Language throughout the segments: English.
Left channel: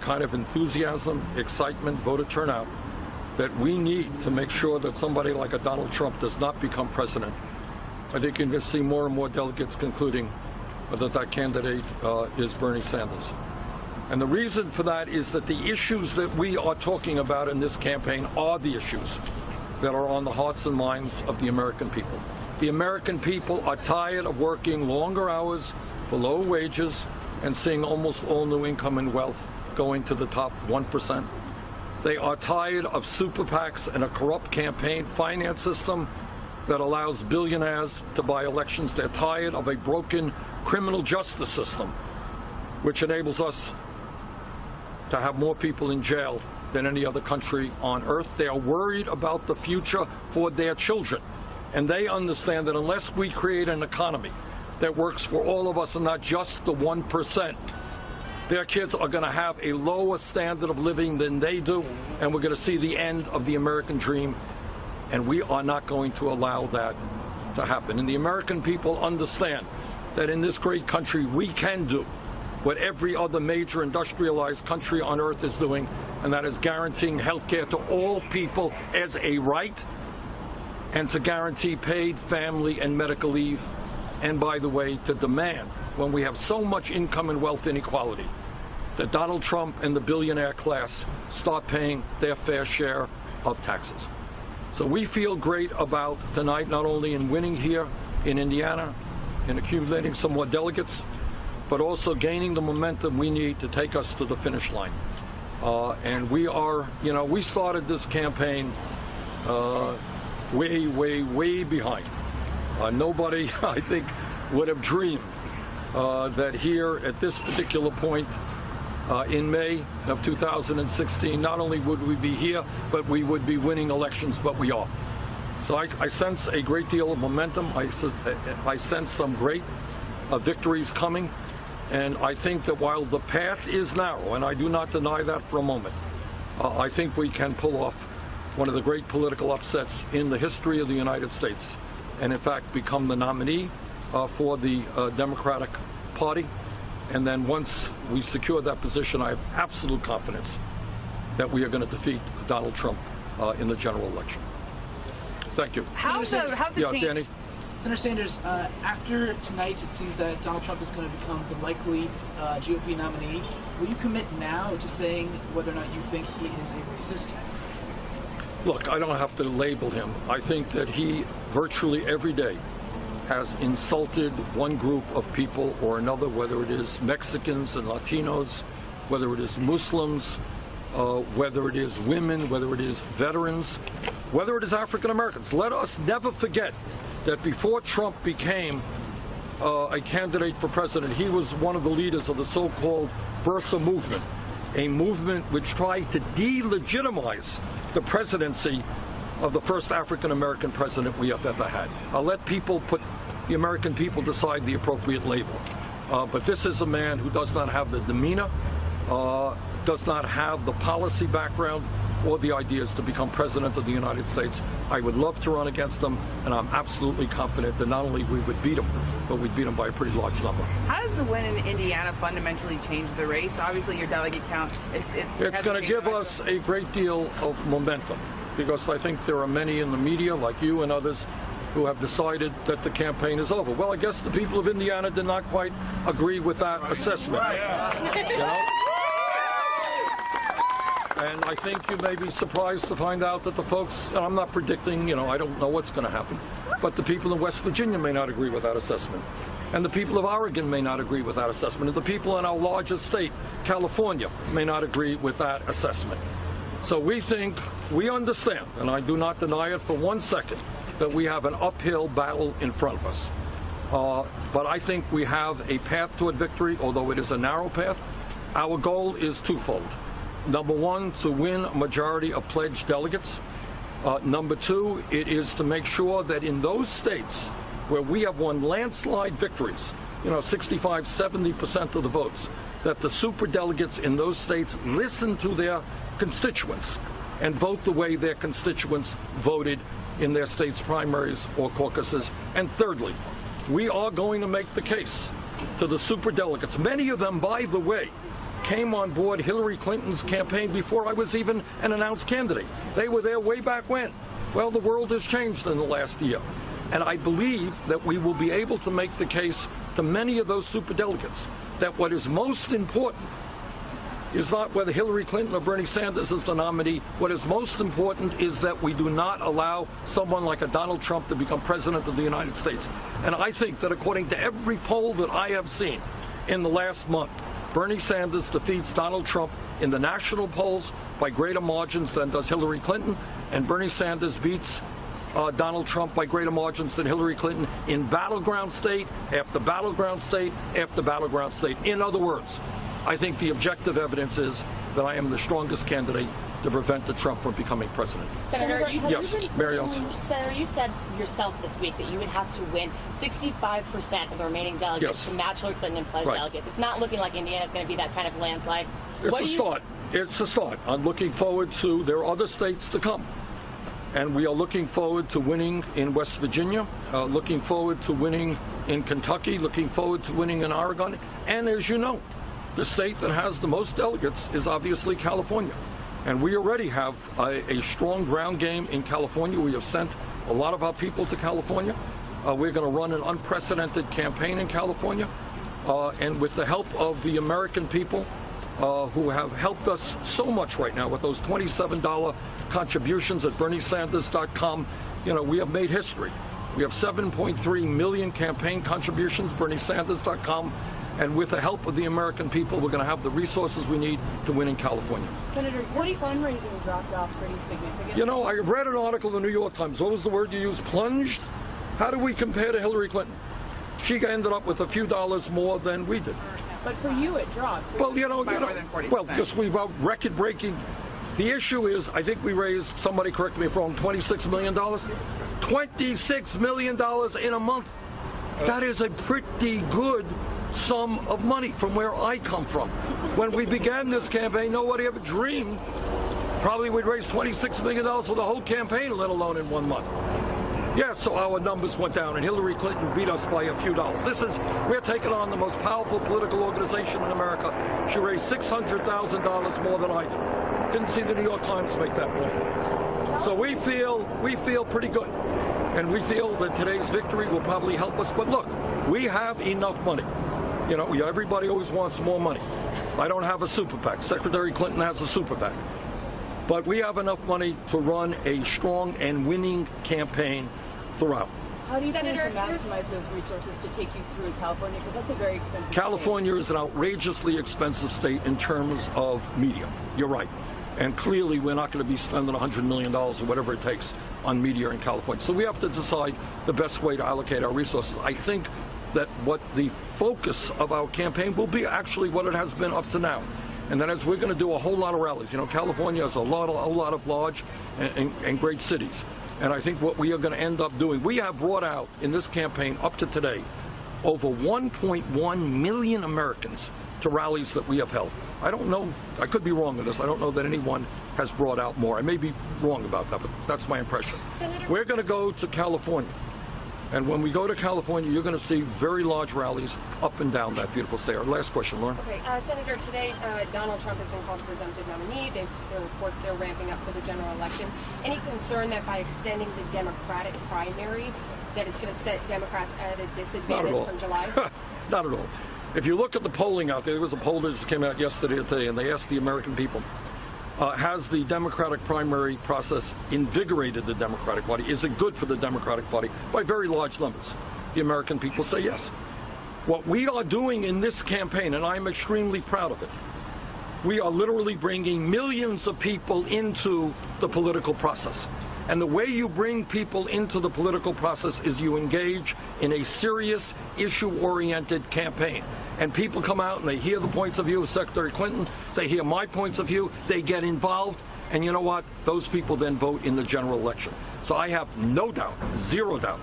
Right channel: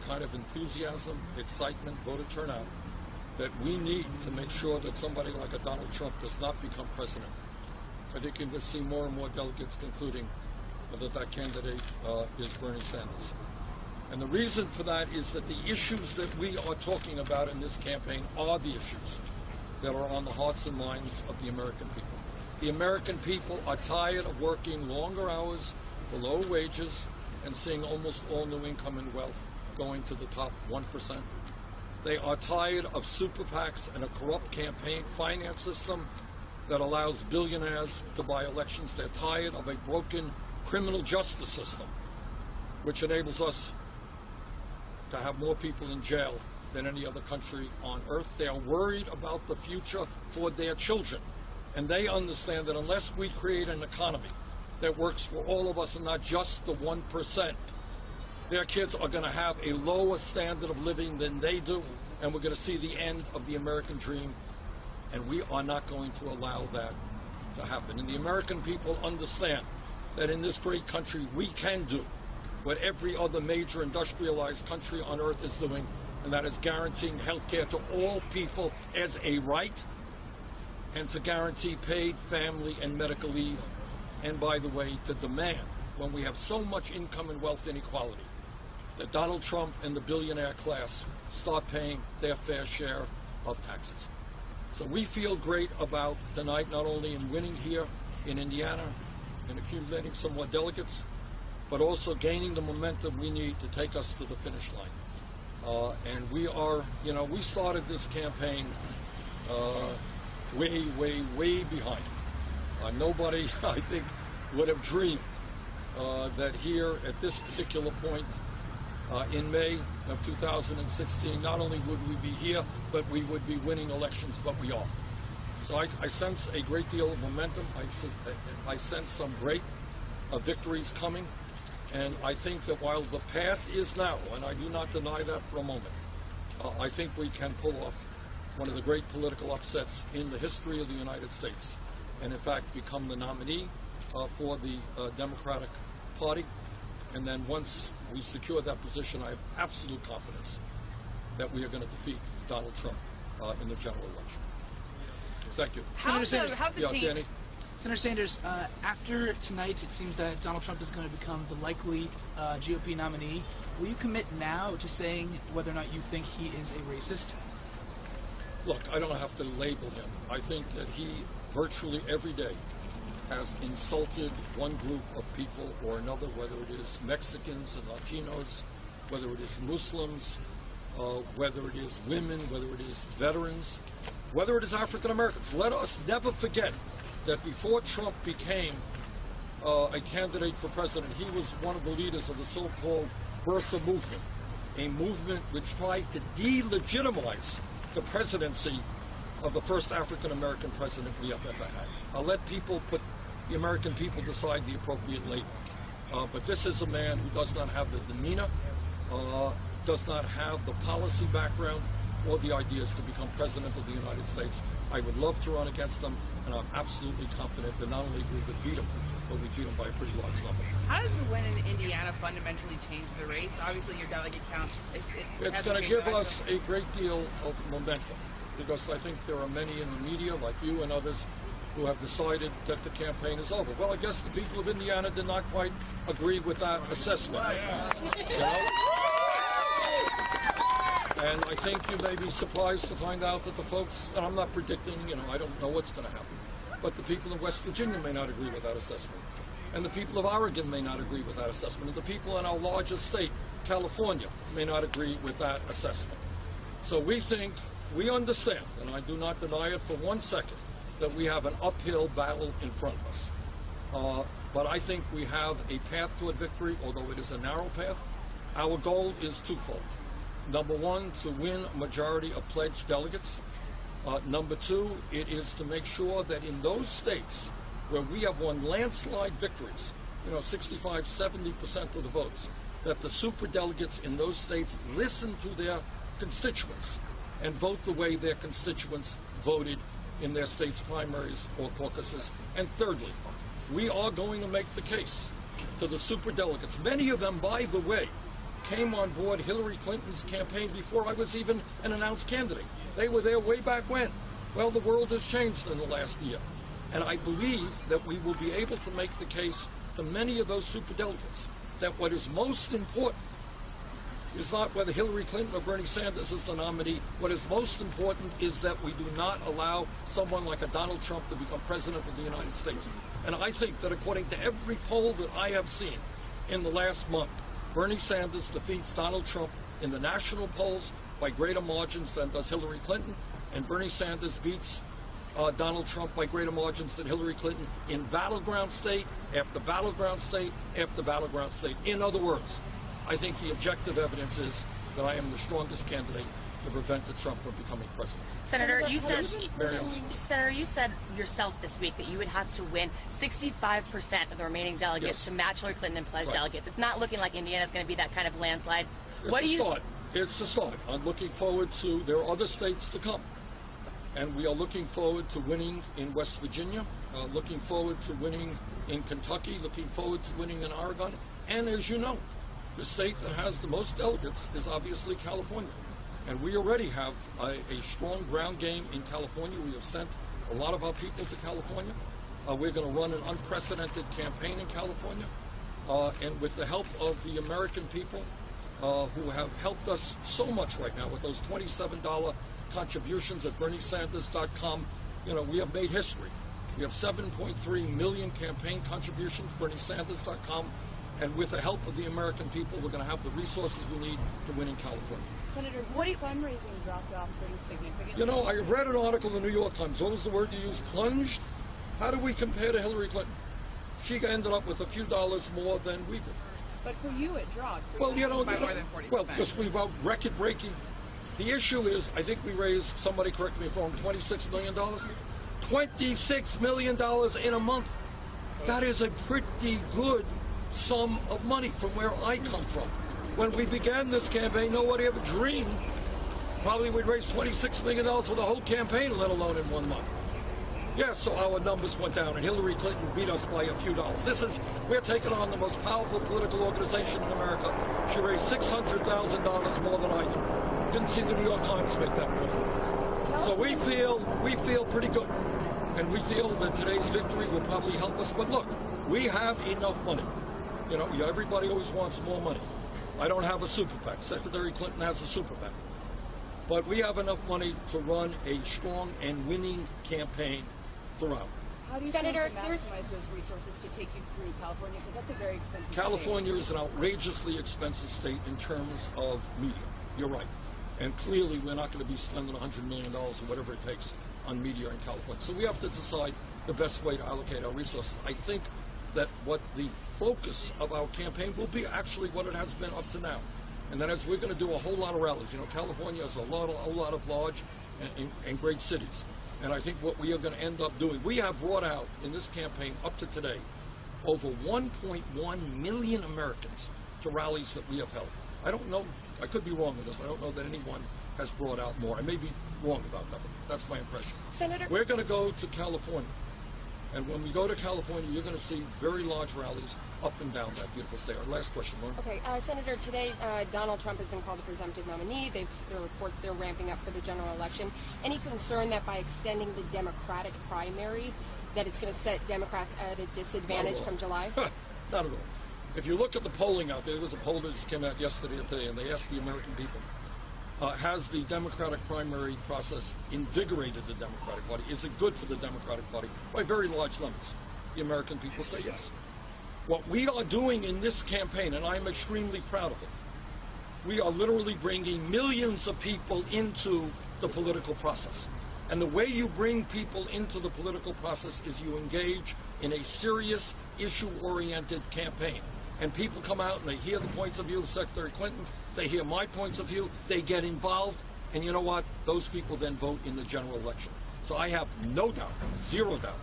the kind of enthusiasm, excitement, voter turnout that we need to make sure that somebody like a Donald Trump does not become president. I think you're going to see more and more delegates concluding that that candidate is Bernie Sanders. And the reason for that is that the issues that we are talking about in this campaign are the issues that are on the hearts and minds of the American people. The American people are tired of working longer hours for low wages and seeing almost all new income and wealth going to the top 1%. They are tired of super PACs and a corrupt campaign finance system that allows billionaires to buy elections. They're tired of a broken criminal justice system, which enables us to have more people in jail than any other country on earth. They are worried about the future for their children. And they understand that unless we create an economy that works for all of us and not just the 1%, their kids are going to have a lower standard of living than they do, and we're going to see the end of the American dream, and we are not going to allow that to happen. And the American people understand that in this great country we can do what every other major industrialized country on earth is doing, and that is guaranteeing health care to all people as a right, and to guarantee paid family and medical leave, and by the way, to demand, when we have so much income and wealth inequality, that Donald Trump and the billionaire class start paying their fair share of taxes. So we feel great about tonight, not only in winning here in Indiana, in accumulating some more delegates, but also gaining the momentum we need to take us to the finish line. And we are, we started this campaign way behind. Nobody, I think, would have dreamed that here at this particular point in May of 2016, not only would we be here, but we would be winning elections, but we are. So I sense a great deal of momentum. I sense some great victories coming. And I think that while the path is narrow, and I do not deny that for a moment, I think we can pull off one of the great political upsets in the history of the United States, and in fact become the nominee for the Democratic Party. And then once we secure that position, I have absolute confidence that we are going to defeat Donald Trump in the general election. Thank you. Danny? Senator Sanders, after tonight, it seems that Donald Trump is going to become the likely GOP nominee. Will you commit now to saying whether or not you think he is a racist? Look, I don't have to label him. I think that he virtually every day has insulted one group of people or another, whether it is Mexicans and Latinos, whether it is Muslims, whether it is women, whether it is veterans, whether it is African Americans. Let us never forget that before Trump became a candidate for president, he was one of the leaders of the so-called birther movement, a movement which tried to delegitimize the presidency of the first African American president we have ever had. I'll let the American people decide the appropriate label. But this is a man who does not have the demeanor, does not have the policy background or the ideas to become president of the United States. I would love to run against him, and I'm absolutely confident that not only we would beat him, but we'd beat him by a pretty large number. How does the win in Indiana fundamentally change the race? Obviously, your delegate count it's going to give us a great deal of momentum, because I think there are many in the media, like you and others, who have decided that the campaign is over. Well, I guess the people of Indiana did not quite agree with that assessment. And I think you may be surprised to find out that the folks, and I'm not predicting, I don't know what's going to happen, but the people in West Virginia may not agree with that assessment. And the people of Oregon may not agree with that assessment. And the people in our largest state, California, may not agree with that assessment. So we understand, and I do not deny it for 1 second, that we have an uphill battle in front of us. But I think we have a path toward victory, although it is a narrow path. Our goal is twofold. Number one, to win a majority of pledged delegates. Number two, it is to make sure that in those states where we have won landslide victories, 65, 70% of the votes, that the superdelegates in those states listen to their constituents and vote the way their constituents voted in their state's primaries or caucuses. And thirdly, we are going to make the case to the superdelegates, many of them, by the way, came on board Hillary Clinton's campaign before I was even an announced candidate. They were there way back when. Well, the world has changed in the last year. And I believe that we will be able to make the case to many of those superdelegates that what is most important is not whether Hillary Clinton or Bernie Sanders is the nominee. What is most important is that we do not allow someone like a Donald Trump to become president of the United States. And I think that according to every poll that I have seen in the last month, Bernie Sanders defeats Donald Trump in the national polls by greater margins than does Hillary Clinton, and Bernie Sanders beats Donald Trump by greater margins than Hillary Clinton in battleground state after battleground state after battleground state. In other words, I think the objective evidence is that I am the strongest candidate to prevent Trump from becoming president. Senator, you said, yes, Mary Ellen. Senator, you said yourself this week that you would have to win 65% of the remaining delegates to match Hillary Clinton and pledge delegates. It's not looking like Indiana's going to be that kind of landslide. It's a start. It's a start. I'm looking forward to, there are other states to come. And we are looking forward to winning in West Virginia, looking forward to winning in Kentucky, looking forward to winning in Oregon. And as you know, the state that has the most delegates is obviously California. And we already have a strong ground game in California. We have sent a lot of our people to California. We're going to run an unprecedented campaign in California. And with the help of the American people who have helped us so much right now with those $27 contributions at BernieSanders.com, you know, we have made history. We have 7.3 million campaign contributions, BernieSanders.com. And with the help of the American people, we're going to have the resources we need to win in California. Senator, your fundraising dropped off pretty significantly. You know, I read an article in the New York Times. What was the word you used? Plunged? How do we compare to Hillary Clinton? She ended up with a few dollars more than we did. But for you, it dropped. Well, well, yes, we were record-breaking. The issue is, I think we raised, somebody correct me if I'm wrong, $26 million? $26 million in a month. That is a pretty good sum of money from where I come from. When we began this campaign, nobody ever dreamed probably we'd raise $26 million for the whole campaign, let alone in 1 month. Yeah, so our numbers went down, and Hillary Clinton beat us by a few dollars. We're taking on the most powerful political organization in America. She raised $600,000 more than I did. Didn't see the New York Times make that point. So we feel pretty good, and we feel that today's victory will probably help us. But look, we have enough money. You know, everybody always wants more money. I don't have a super PAC. Secretary Clinton has a super PAC. But we have enough money to run a strong and winning campaign throughout. How do you plan to maximize those resources to take you through California? Because that's a very expensive California is an outrageously expensive state in terms of media. You're right. And clearly we're not going to be spending $100 million or whatever it takes on media in California. So we have to decide the best way to allocate our resources. I think that what the focus of our campaign will be actually what it has been up to now. And that is we're going to do a whole lot of rallies. You know, California has a whole lot of large and great cities. And I think what we are going to end up doing, we have brought out in this campaign up to today over 1.1 million Americans to rallies that we have held. I don't know, I could be wrong on this. I don't know that anyone has brought out more. I may be wrong about that, but that's my impression. We're going to go to California. And when we go to California, you're going to see very large rallies up and down that beautiful state. Our last question, Lauren. Okay, Senator, today Donald Trump has been called presumptive nominee. There are reports they're ramping up to the general election. Any concern that by extending the Democratic primary, that it's going to set Democrats at a disadvantage from July? Not at all. If you look at the polling out there was a poll that just came out yesterday or today, and they asked the American people, has the Democratic primary process invigorated the Democratic Party? Is it good for the Democratic Party? By very large numbers. The American people say yes. What we are doing in this campaign, and I'm extremely proud of it, we are literally bringing millions of people into the political process. And the way you bring people into the political process is you engage in a serious, issue-oriented campaign. And people come out and they hear the points of view of Secretary Clinton, they hear my points of view, they get involved, and you know what? Those people then vote in the general election. So I have no doubt, zero doubt,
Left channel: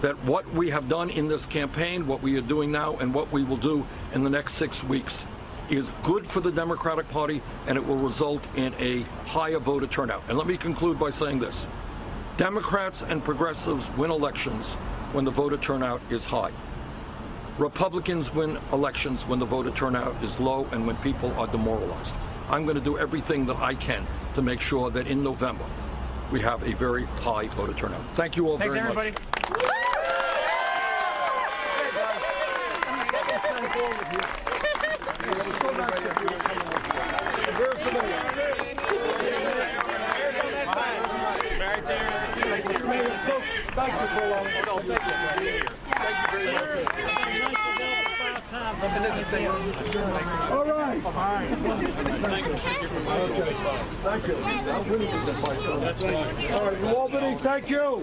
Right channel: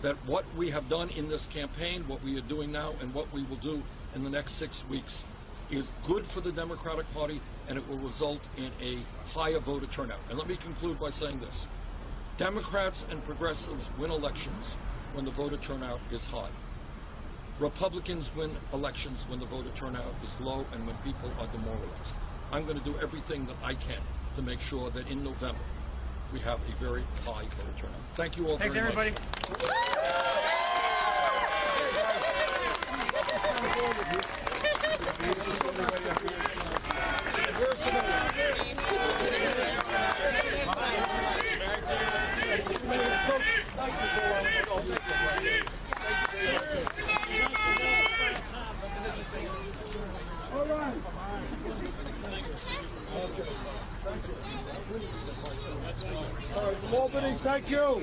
that what we have done in this campaign, what we are doing now, and what we will do in the next 6 weeks is good for the Democratic Party, and it will result in a higher voter turnout. And let me conclude by saying this. Democrats and progressives win elections when the voter turnout is high. Republicans win elections when the voter turnout is low and when people are demoralized. I'm going to do everything that I can to make sure that in November we have a very high voter turnout. Thank you all very much. All right. Thank you. All right, Albany, thank you.